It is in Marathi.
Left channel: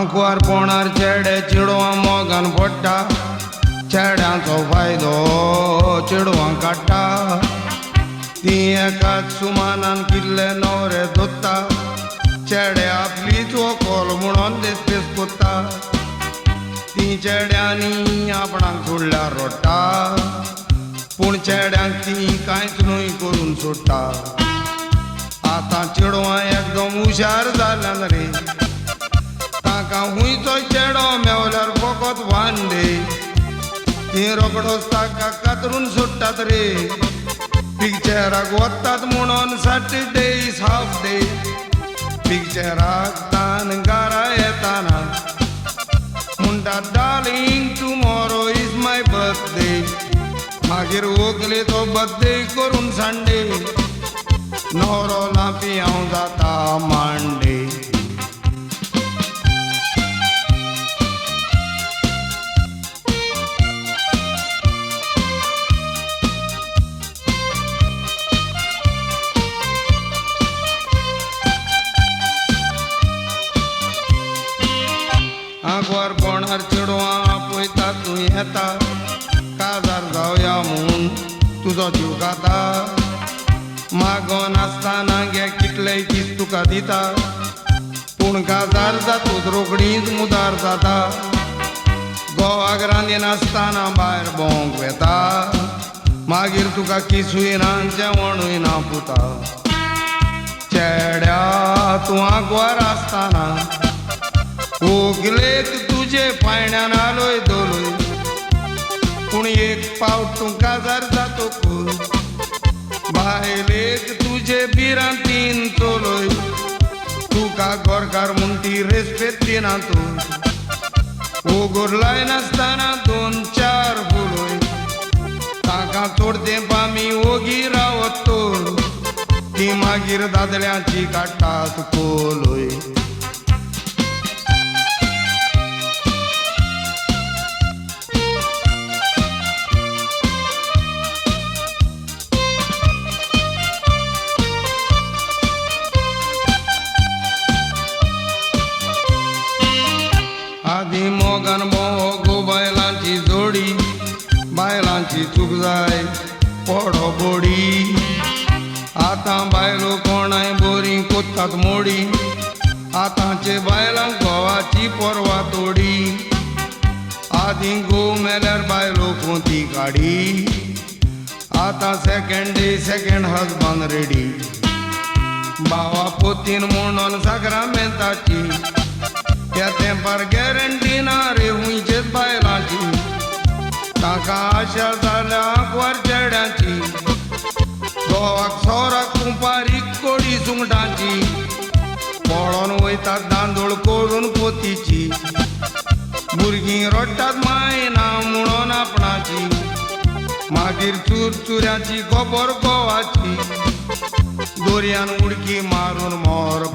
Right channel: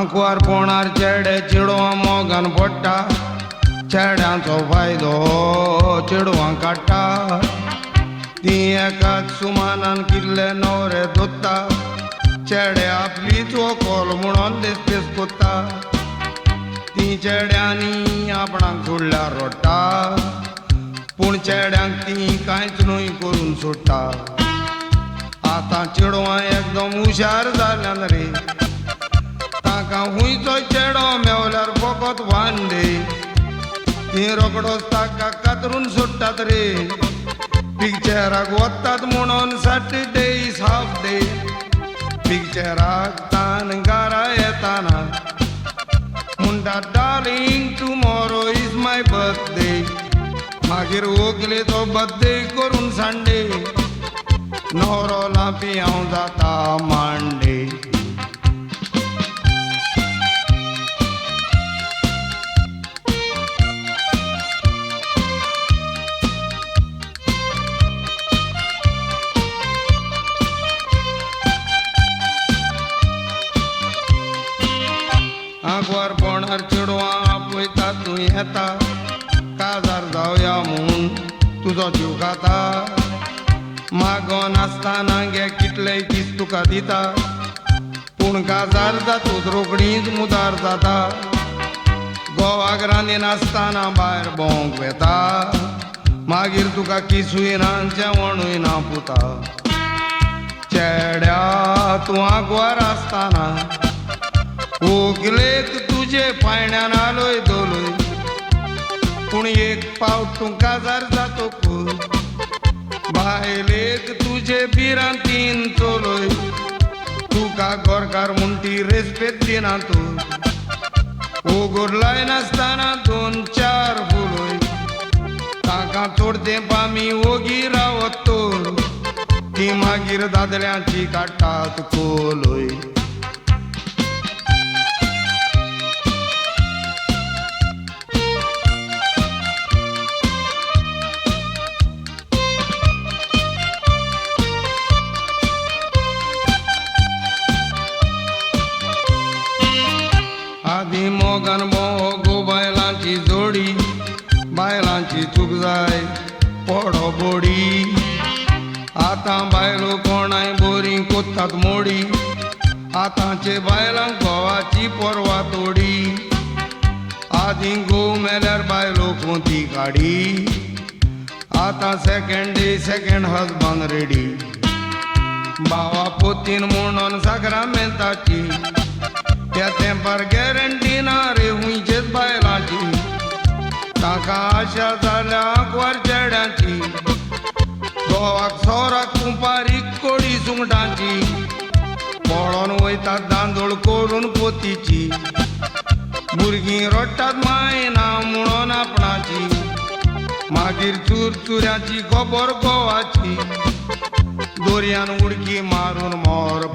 आंकवार पोणार चेडे चिडवां मोगान पडटा चेड्यांचो फायदो चिडवां काडटा ती एकाच सुमानान किल्ले न्हवरे दोत्ता चेडे आपलीच वखल म्हणून देसपेस कोत्ता ती चेड्यांनी आपणाक सोडल्यार रडटा पूण चेड्यांक ती कांयच न्हय करून सोडटा आतां चेडवां एकदम हुशार जाल्यान रे ताका हुंयचो चेडो मेवल्यार फकत वांदे ती रोखडोच ताका कातरून सोडटात रे पिक्चराक वतात म्हणून सॅटर्डे इज हाफ डे पिक्चराक तान घरा येताना म्हणटात darling tomorrow is my birthday मागीर व्हंकले तो बर्थडे करून संडे न्हवरो लापी हांव जाता मांडे आंकवार पोणार चेडवां आपयता तूं येता काजार जावया म्हूण तुजो जीव खाता मागोन आसतना गे कितलेय दीस तुका दिता पूण काजार जातूच रोखडीच मुदार जाता गोवाक रांदीन आसतना भायर भोंवंक येता मागीर तुका किसूय ना जेवणूय ना पुता चेड्या तूं आंकवार आसतना व्हंकलेक तुजे फायण्यान आलोय दोलोय पूण एक पावट तूं काजार जातकूच बायलेक तुजे बिरांतीन चलोय तुका गोरकार म्हूण ती रेस्पेद दिना तूं ओगोर लायनासतना 2-4 फुलोय ताका थोडे तेंप आमी ओगी रावत ती मागीर दादल्यांची काडटात कोलोय मोगान भोगो बायलांची जोडी बायलांची चूक जाय पडो बोडी आतां बायलो कोणाय बरी कोत्तात मोडी आतांचे बायलांक घोवाची परवा तोडी आदीं घोव मेल्यार बायलो कोंती काडी आतां second day second husband ready भावा पोतीन म्हणून साकरां मेलताची त्या तेंपार गॅरंटी ना रे हुंयचेच बायलांची ताका आशा जाल्या आंकवार चेड्यांची गोवाक सोराक कुंपारीक कोडी सुंगटांची पळोवन वयतात दांदोळ कोडून पोतीची भुरगीं रडटात माय ना म्हणून आपणाची मागीर चुरचुऱ्याची खबर गोवाची दोरयान उडकी मारून मोर